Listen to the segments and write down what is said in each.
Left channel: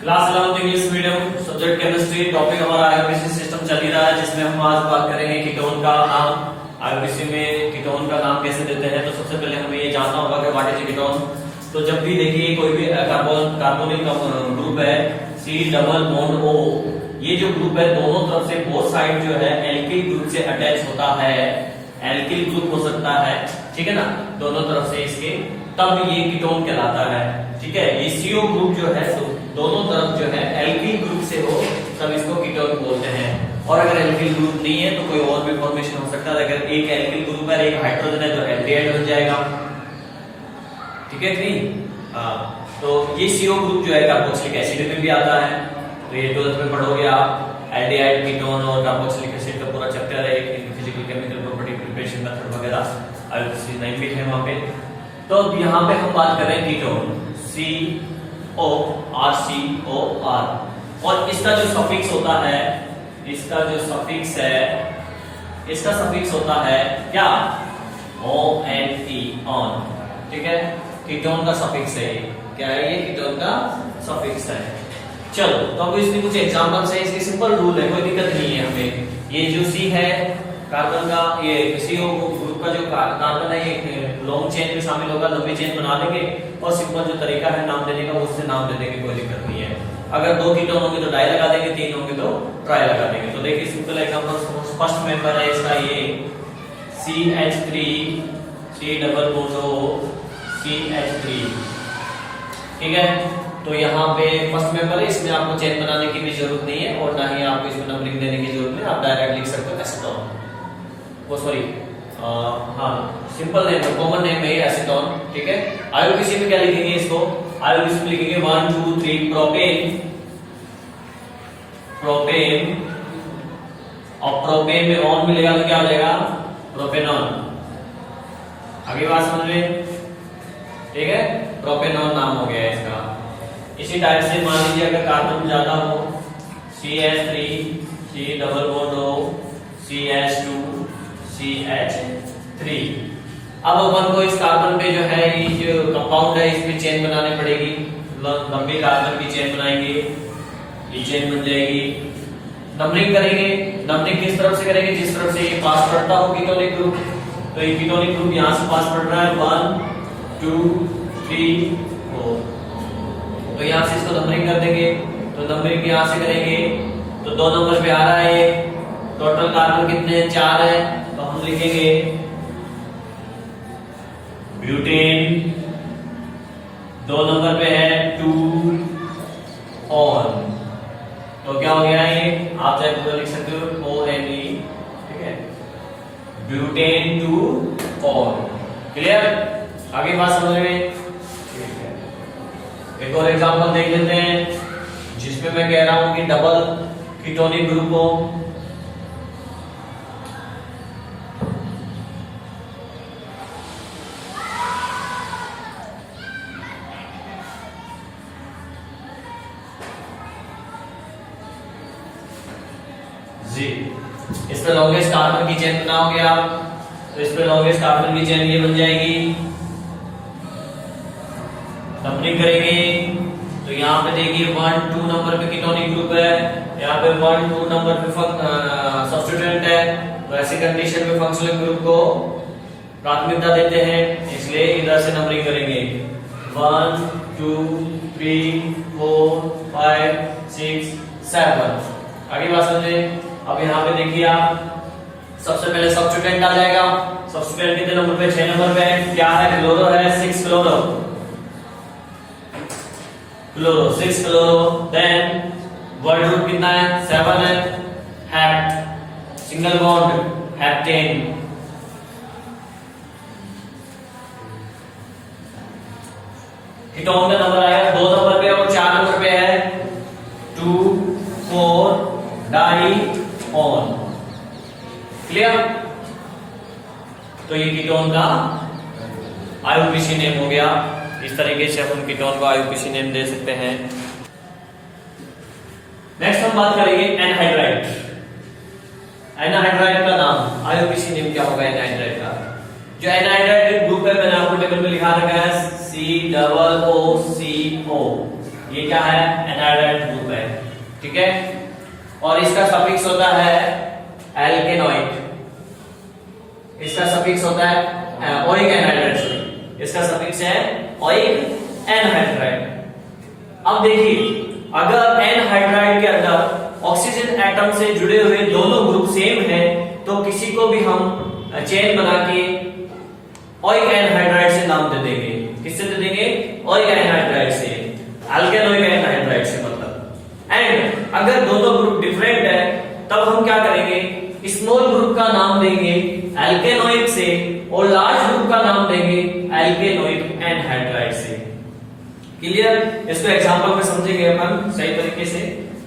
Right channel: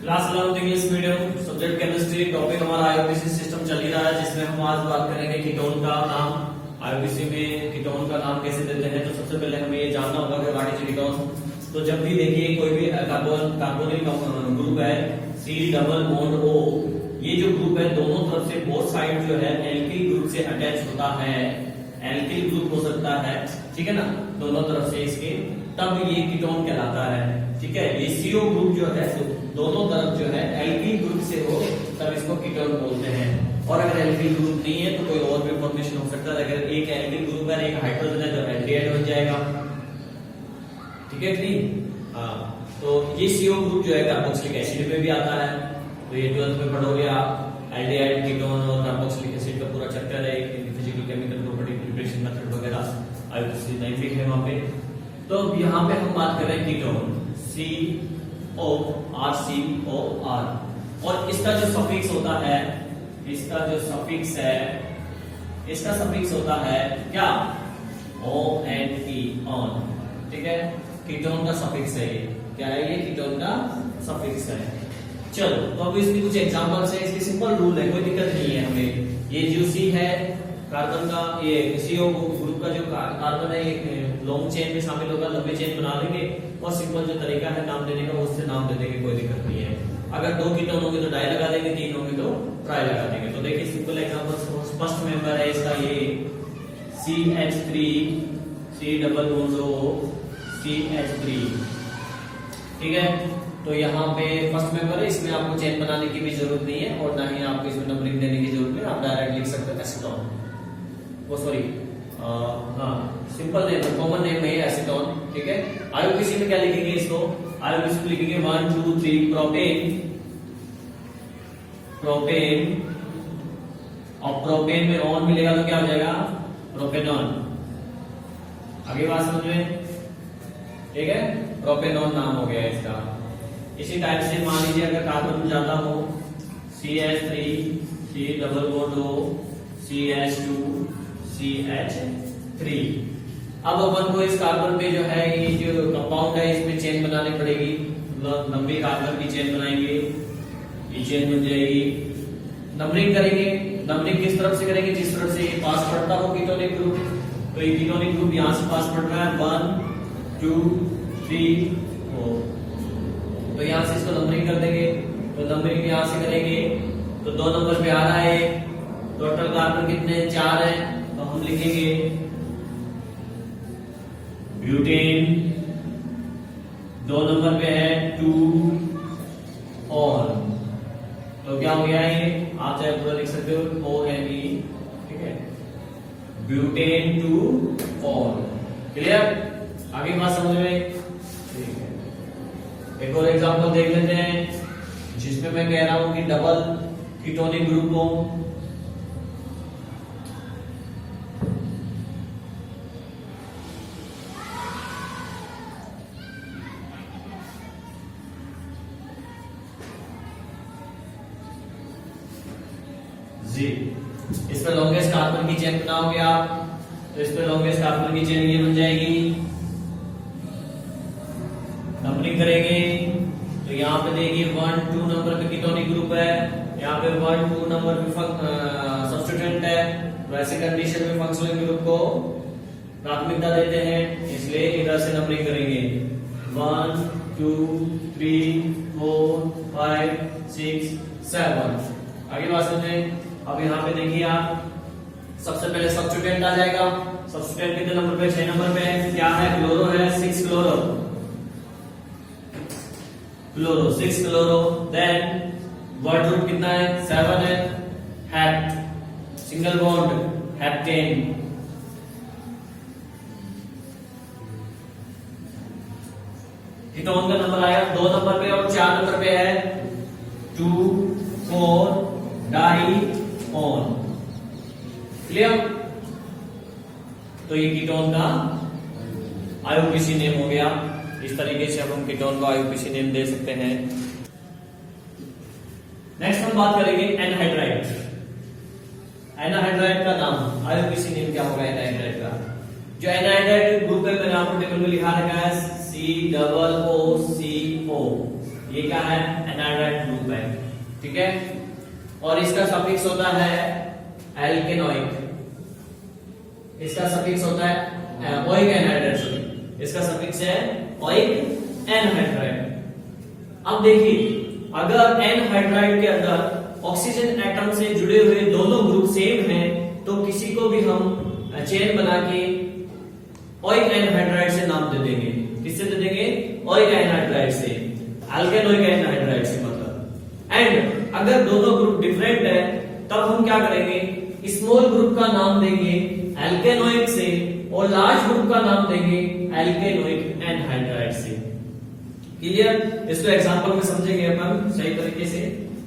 Class 11 English medium subject chemistry topic हमारा IUPAC system चल ही रहा है, जिसमें हम आज बात करेंगे कीटोन का नाम। आईयूपीएसी में कीटोन का नाम कैसे देते हैं, तो सबसे पहले हमें ये जानना होगा कि व्हाट इज कीटोन। तो जब भी देखिए कोई भी कार्बोनिल ग्रुप है C डबल बॉन्ड O, ये जो ग्रुप है दोनों तरफ से बोथ साइड जो है एल्किल ग्रुप से अटैच होता है। एल्किल ग्रुप हो सकता है, ठीक है ना, दोनों तरफ से इसके, तब ये कीटोन कहलाता है। ठीक है, ये CO ग्रुप जो है तो दोनों तरफ जो है एल्किल ग्रुप से हो तब इसको कीटोन बोलते हैं। और अगर एल्किल ग्रुप नहीं है तो कोई और भी फॉर्मेशन हो सकता है। अगर एक एल्किल ग्रुप है एक हाइड्रोजन है तो एल्डिहाइड बन जाएगा। ठीक है कि नहीं? हाँ, तो ये CO ग्रुप जो है कार्बोक्सिलिक एसिड में भी आता है। तो ये 12th में पढ़ोगे आप, एल्डिहाइड, कीटोन और कार्बोक्सिलिक एसिड का पूरा चैप्टर है, physical chemical property, preparation method वगैरह, आईयूपीएसी 9 भी है वहां पे। तो यहाँ पे हम बात कर रहे हैं कीटोन CORCOR, और इसका जो सफिक्स होता है, इसका जो सफिक्स है, इसका सफिक्स होता है क्या? ONE, on. ठीक है, कीटोन का सफिक्स है ये। क्या है ये? कीटोन का सफिक्स है। चलो, तो अब इसके कुछ एग्जांपल्स है, इसके सिंपल रूल है, कोई दिक्कत नहीं है हमें। ये जो C है कार्बन का, ये CO ग्रुप का जो कार्बन है ये लॉन्ग चेन में शामिल होगा, लंबी चेन बना लेंगे और सिंपल जो तरीका है नाम देने का उससे नाम दे देंगे, कोई दिक्कत नहीं है। अगर 2 कीटोन होंगे तो डाई लगा देंगे, 3 होंगे तो ट्राई लगा देंगे। तो देखिए सिंपल एग्जांपल, फर्स्ट मेंबर है इसका ये CH3 C double bond O CH3। ठीक है, तो यहाँ पे फर्स्ट मेंबर है, इसमें आपको चेन बनाने की भी जरूरत नहीं है और ना ही आपको इसमें नंबरिंग देने की जरूरत है। आप डायरेक्ट लिख सकते हो एसीटोन, वो सॉरी हाँ सिंपल नेम है, कॉमन नेम है एसीटोन। ठीक है, आईयूपीएसी में क्या लिखेंगे इसको? आईयूपीएसी में लिखेंगे 1 2 3 प्रोपेन, प्रोपेन, और प्रोपेन में ऑन मिलेगा तो क्या हो जाएगा? प्रोपेनॉन। आगे बात समझ में? ठीक है, प्रोपेनॉन नाम हो गया इसका। इसी टाइप से मान लीजिए अगर कार्बन ज्यादा हो, CH3 C double bond O CH2 CH3। अब अपन को इस कार्बन पे जो है ये जो कंपाउंड है इसमें चेन बनानी पड़ेगी, लंबी कार्बन की चेन बनाएंगे, ये चेन बन जाएगी। नंबरिंग करेंगे, नंबरिंग किस तरफ से करेंगे? जिस तरफ से ये पास पड़ता हो कीटोनिक ग्रुप, तो ये कीटोनिक ग्रुप यहां से पास पड़ रहा है 1 2 3 4, तो यहां से इसको नंबरिंग कर देंगे। तो नंबरिंग यहां से करेंगे तो 2 नंबर पे आ रहा है, टोटल कार्बन कितने हैं? 4 है, तो हम लिखेंगे ब्यूटेन। 2 नंबर पे है 2 ऑन, तो क्या हो गया ये? आप चाहे पूरा लिख सकते हो ONE। ठीक है, ब्यूटेन 2 ऑन। क्लियर? आगे बात समझ में? ठीक है, एक और एग्जांपल देख लेते हैं जिसमें मैं कह रहा हूं कि डबल कीटोनिक ग्रुप हो। जी, इस पे लॉन्गेस्ट कार्बन की चेन बनाओगे आप, तो इस पे लॉन्गेस्ट कार्बन की चेन ये बन जाएगी। नंबरिंग करेंगे तो यहाँ पे देखिए 1 2 नंबर पे कीटोनिक ग्रुप है, यहाँ पे 1 2 नंबर पे सब्स्टिट्यूएंट है। तो ऐसी कंडीशन में फंक्शनल ग्रुप को प्राथमिकता देते हैं, इसलिए इधर से नंबरिंग करेंगे 1 2 3 4 5 6 7। आगे बात समझे? अब यहाँ पे देखिए आप, सबसे पहले सब्स्टिट्यूएंट आ जाएगा। सब्स्टिट्यूएंट कितने नंबर पे? 6 नंबर पे। क्या है? क्लोरो है, 6 chloro, chloro 6 chloro. Then word root कितना है? 7 है। Hept, single bond heptane. Ketone का नंबर आएगा 2 नंबर पे और 4 नंबर पे है 2 4 डाई ऑन। क्लियर? तो ये कीटोन का आईयूपीएसी नेम हो गया। इस तरीके से हम कीटोन को आईयूपीएसी नेम दे सकते हैं। नेक्स्ट हम बात करेंगे एनहाइड्राइड। एनहाइड्राइड का नाम, आईयूपीएसी नेम क्या होगा एनहाइड्राइड का? जो एनहाइड्राइड ग्रुप है मैंने आपको टेबल में लिखा रखा है COO, ये क्या है, एनाहाइड्राइड ग्रुप है, ठीक है। और इसका सफिक्स होता है एल्केनोइक, इसका सफिक्स होता है ओइक एनहाइड्राइड, सॉरी इसका सफिक्स है ओइक एनहाइड्राइड। अब देखिए अगर एनहाइड्राइड के अंदर ऑक्सीजन एटम से जुड़े हुए दोनों ग्रुप सेम है तो किसी को भी हम चेन बना के ओइक एनहाइड्राइड से नाम दे देंगे। किससे दे देंगे, ओइक एनहाइड्राइड से, एल्केनोइक एनहाइड्राइड से मतलब। एंड अगर दोनों ग्रुप डिफरेंट है तब हम क्या करेंगे, स्मॉल ग्रुप का नाम देंगे एल्केनोइक से और लार्ज ग्रुप का नाम देंगे एल्केनोइक एनहाइड्राइड से। क्लियर, इसको एग्जांपल में समझेंगे अपन सही तरीके से।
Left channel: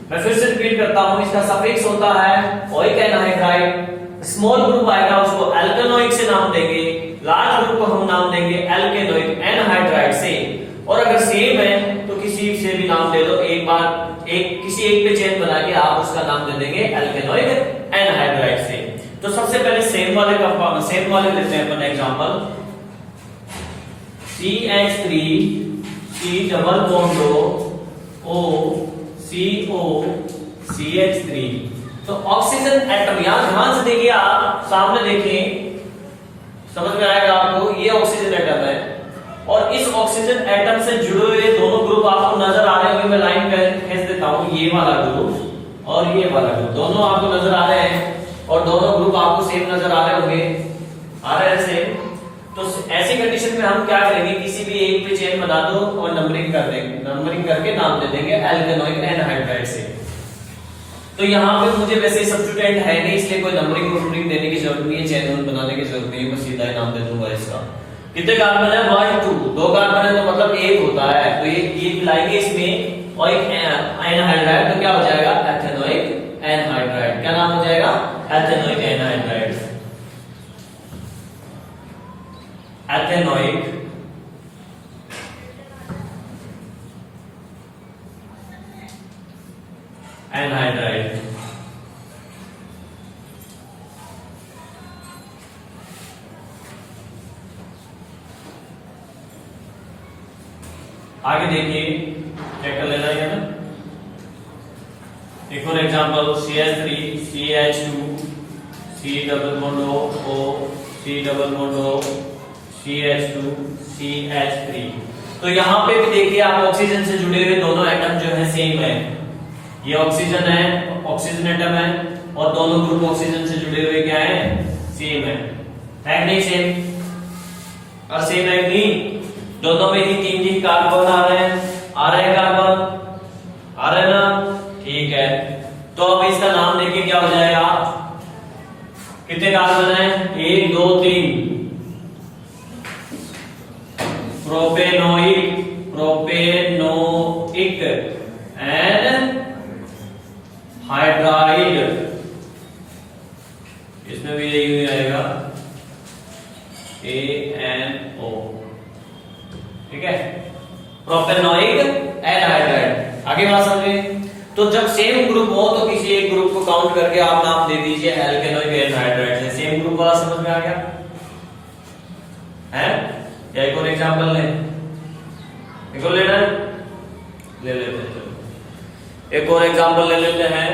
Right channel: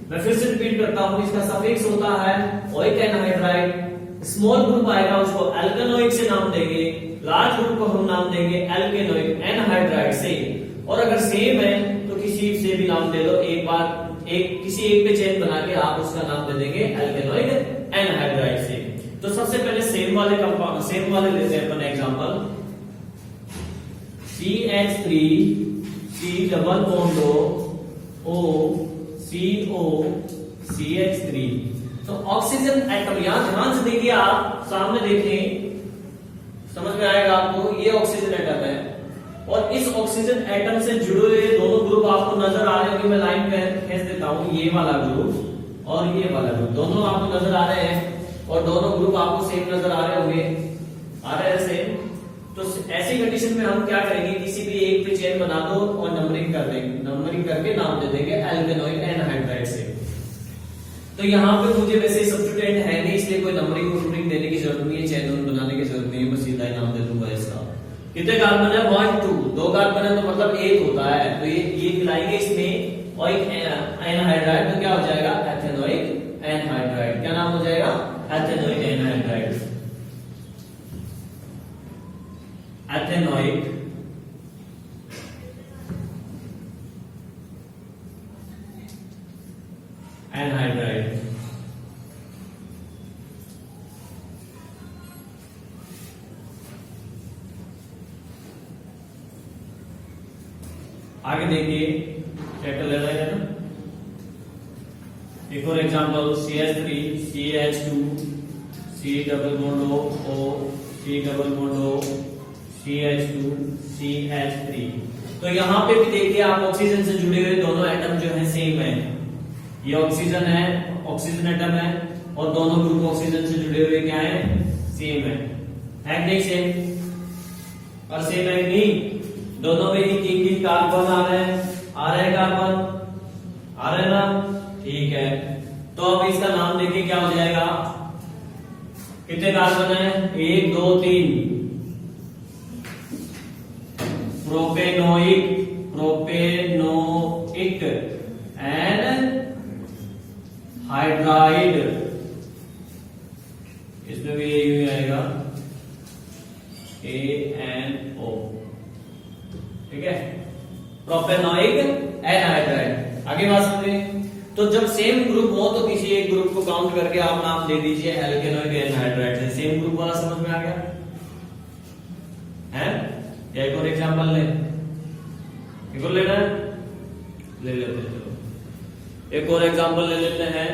मैं फिर से रिपीट करता हूं, इसका सफिक्स होता है ओइक एनहाइड्राइड, स्मॉल ग्रुप आएगा उसको एल्केनोइक से नाम देंगे, लार्ज ग्रुप को हम नाम देंगे एल्केनोइक एनहाइड्राइड से। और अगर सेम है तो किसी से भी नाम दे दो, एक बार किसी एक पे चेन बना के आप उसका नाम दे देंगे एल्केनोइक एनहाइड्राइड से। तो सबसे पहले सेम वाले कंपाउंड, सेम वाले लेते हैं अपन example, CH3 C double bond O CO CH3। तो ऑक्सीजन एटम यहां ध्यान से देखिए, आप सामने देखिए समझ में आएगा आपको, ये ऑक्सीजन एटम है और इस ऑक्सीजन एटम से जुड़े हुए दोनों ग्रुप आपको नजर आ रहे होंगे। मैं लाइन खींच देता हूं, ये वाला ग्रुप और ये वाला ग्रुप दोनों आपको नजर आ रहे हैं और दोनों ग्रुप आपको सेम नजर आ रहे होंगे, आ रहे हैं सेम। तो ऐसी कंडीशन में हम क्या करेंगे, किसी भी एक पे चेन बना दो और नंबरिंग कर देंगे, नंबरिंग करके नाम दे देंगे एल्केनोइक एनहाइड्राइड से। तो यहाँ पे मुझे वैसे सब्स्टिट्यूएंट है नहीं, इसलिए कोई नंबरिंग देने की जरूरत नहीं है, चेन बनाने की जरूरत नहीं है, मैं सीधा ही नाम दे दूंगा इसका। कितने कार्बन है, 1 2, 2 कार्बन है तो मतलब एक होता है, तो ये मिलाएंगे इसमें और एक एनहाइड्राइड, तो क्या हो जाएगा एथेनोइक एनहाइड्राइड। क्या नाम हो जाएगा, एथेनोइक एनहाइड्राइड, एथेनोइक एनहाइड्राइड। आगे देखिए क्या कर लेना है ना, एक और example CH3 CH2 C double bond O C double bond O CH2 CH3। तो यहाँ पे भी देखिए आप ऑक्सीजन से जुड़े हुए दोनों एटम जो है सेम है, ये ऑक्सीजन है, ऑक्सीजन एटम है और दोनों ग्रुप ऑक्सीजन से जुड़े हुए क्या है, सेम है कि नहीं, सेम और सेम है नहीं, दोनों में ही 3 कार्बन आ रहे हैं, कार्बन आ रहे हैं ना, ठीक है। तो अब इसका नाम देखिए क्या हो जाएगा, कितने कार्बन है, 1 2 3, प्रोपेनोइक एंड हाइड्राइड, इसमें भी यही आएगा ANO, ठीक है, प्रोपेनोइक एनहाइड्राइड। आगे बात समझे, तो जब सेम ग्रुप हो तो किसी एक ग्रुप को काउंट करके आप नाम दे दीजिए एल्केनोइक एनहाइड्राइड से। सेम ग्रुप वाला समझ में आ गया है? या एक और एग्जांपल ले, एक और लेना है, ले लेते हैं, चलो एक और एग्जांपल ले लेते हैं।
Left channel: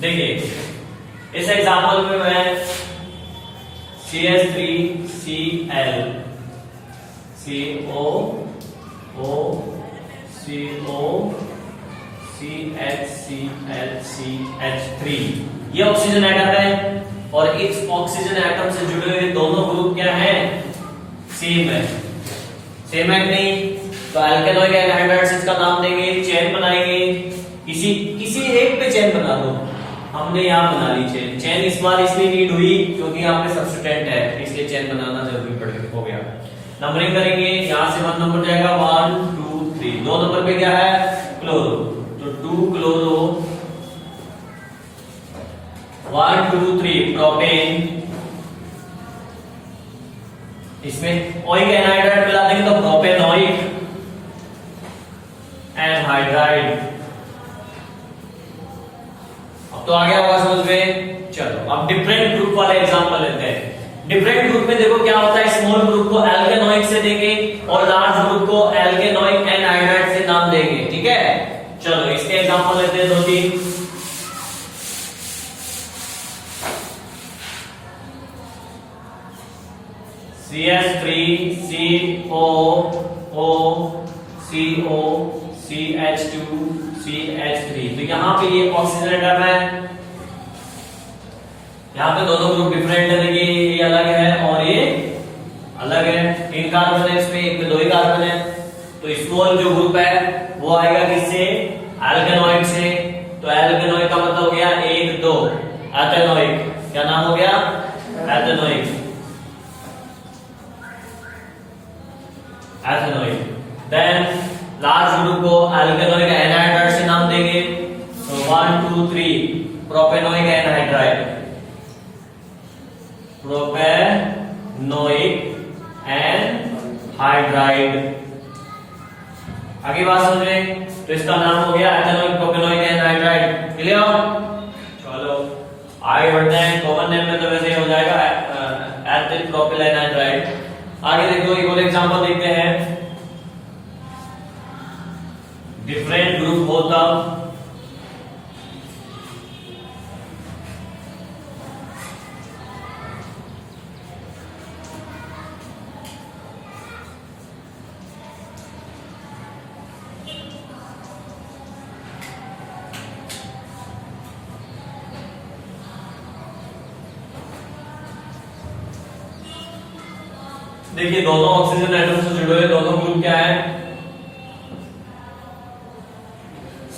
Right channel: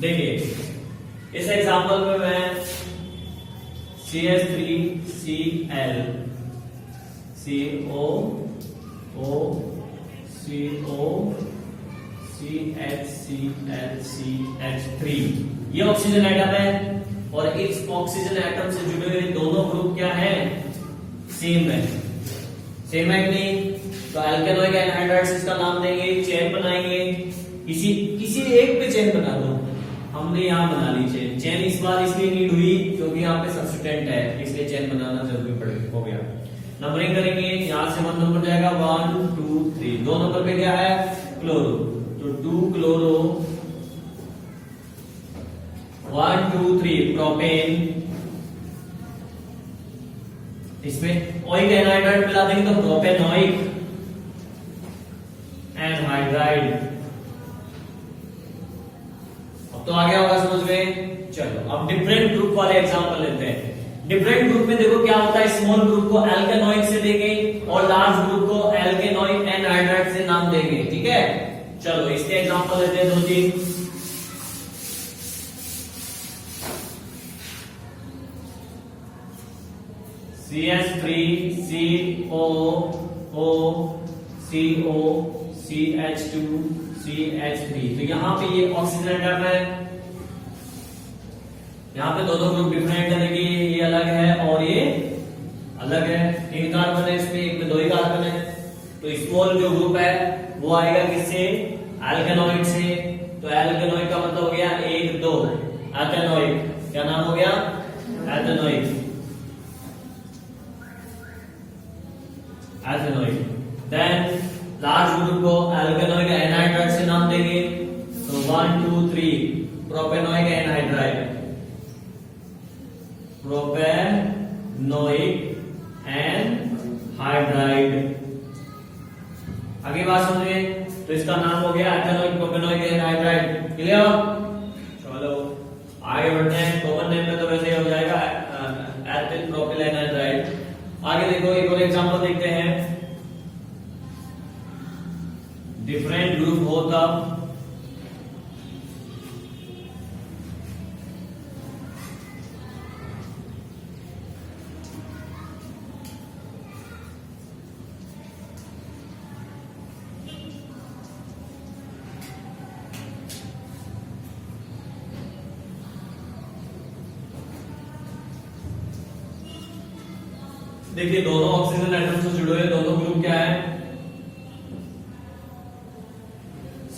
देखिए इस एग्जांपल में मैं CH3Cl CO O CO CHCl ये ऑक्सीजन एटम है और इस ऑक्सीजन एटम से जुड़े हुए दोनों ग्रुप क्या हैं, सेम है, सेम है कि नहीं। तो एल्केनोइक एनहाइड्राइड से इसका नाम देंगे, चेन बनाएंगे, किसी एक पे चेन बना दो, हमने यहाँ बना ली चेन। चेन इस्तेमाल इसलिए नीड हुई क्योंकि यहाँ पे सब्स्टिट्यूएंट है, इसलिए चेन बनाना जरूरी पड़ हो गया। नंबरिंग करेंगे, यहाँ से 1 नंबर जाएगा 1 2 3, 2 नंबर पे क्या है, क्लोरो, तो 2 क्लोरो, 1 2 3 प्रोपेन, इसमें ओइक एनहाइड्राइड मिला देंगे तो प्रोपेनोइक एनहाइड्राइड। अब तो आ गया होगा समझ में। चलो अब डिफरेंट ग्रुप वाले एग्जांपल लेते हैं। डिफरेंट ग्रुप में देखो क्या होता है, small CH3 COO CO CH2 CH3। तो यहाँ पे ये ऑक्सीजन एटम है, यहाँ पे दोनों ग्रुप डिफरेंट है, लेकिन ये अलग है और ये अलग है। 3 कार्बन है इसमें, एक में 2 ही कार्बन है। तो स्मॉल जो ग्रुप है वो आएगा किससे? एल्केनॉइड से। तो एल्केनॉइड का मतलब हो गया 1 2 एथेनॉइक। क्या नाम हो गया? एथेनॉइक। एथेनॉइड। देन लार्ज ग्रुप को एल्केनॉइक एनहाइड्राइड से नाम देंगे। तो 1 2 3 प्रोपेनोइक एनहाइड्राइड। Propanoic anhydride. आगे बात समझ रहे? तो इसका नाम हो गया एथेनॉइक प्रोपेनोइक एनहाइड्राइड। क्लियर? चलो आगे बढ़ते हैं। कॉमन नेम में तो वैसे ही हो जाएगा एथिल प्रोपिल एनहाइड्राइड। आगे देखो एक और एग्जांपल देखते हैं। डिफरेंट ग्रुप हो तब देखिए दोनों ऑक्सीजन एटम से जुड़े हुए दोनों ग्रुप क्या है?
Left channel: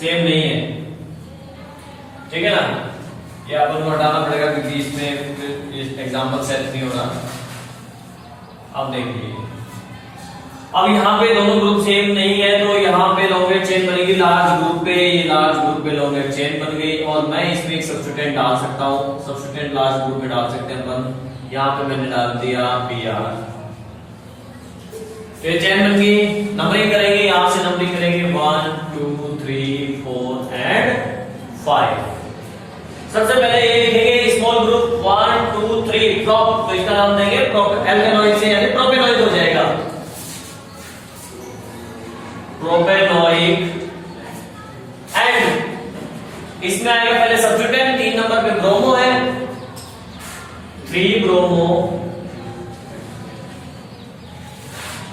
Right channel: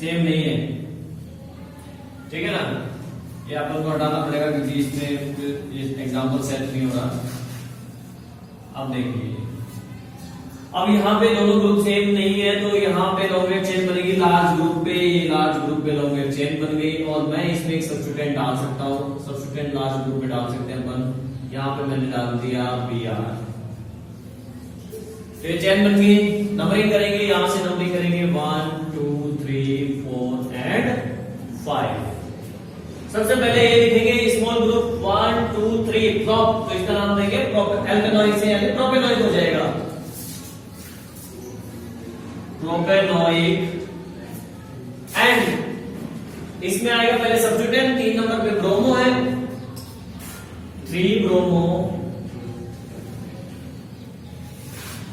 सेम नहीं है। ठीक है ना? ये अपन को हटाना पड़ेगा क्योंकि इसमें एग्जांपल सेट नहीं हो रहा। अब देखिए, अब यहाँ पे दोनों ग्रुप सेम नहीं है, तो यहाँ पे लॉन्ग चेन बनेगी लार्ज ग्रुप पे। ये लार्ज ग्रुप पे लॉन्ग चेन बन गई और मैं इसमें एक सब्स्टिट्यूएंट डाल सकता हूँ। सब्स्टिट्यूएंट लार्ज ग्रुप में डाल सकते हैं अपन। यहाँ पे मैंने डाल दिया Br। तो ये चेन बन गई। नंबरिंग करेंगे, यहां से नंबरिंग करेंगे 1 2 3 4 एंड 5। सबसे पहले ये लिखेंगे स्मॉल ग्रुप 1 2 3 प्रोप। तो इसका नाम देंगे एल्केनॉइड से, यानी प्रोपेनॉइक हो जाएगा। प्रोपेनॉइक। एंड इसमें आएगा पहले सब्स्टिट्यूएंट। 3 नंबर पे ब्रोमो है, 3 ब्रोमो।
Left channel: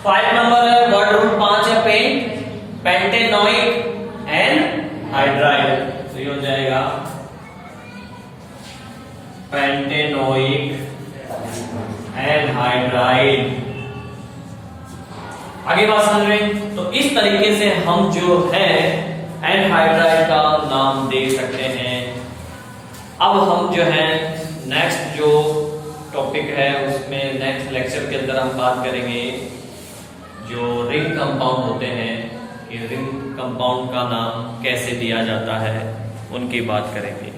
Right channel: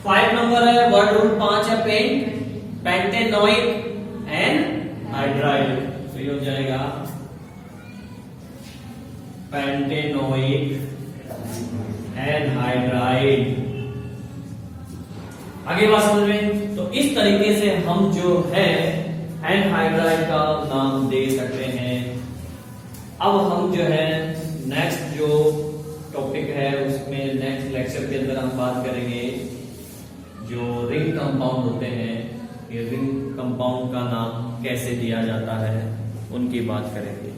5 नंबर है वर्ड रूट 5 है पेंट, पेंटेनोइक एनहाइड्राइड। तो ये हो जाएगा पेंटेनोइक एनहाइड्राइड। आगे बात समझ रहे हैं? तो इस तरीके से हम जो है एनहाइड्राइड का नाम दे सकते हैं। अब हम जो है नेक्स्ट जो टॉपिक है उसमें नेक्स्ट लेक्चर के अंदर हम बात करेंगे जो रिंग कंपाउंड होते हैं कि रिंग कंपाउंड का नाम कैसे दिया जाता है, उनकी बात करेंगे।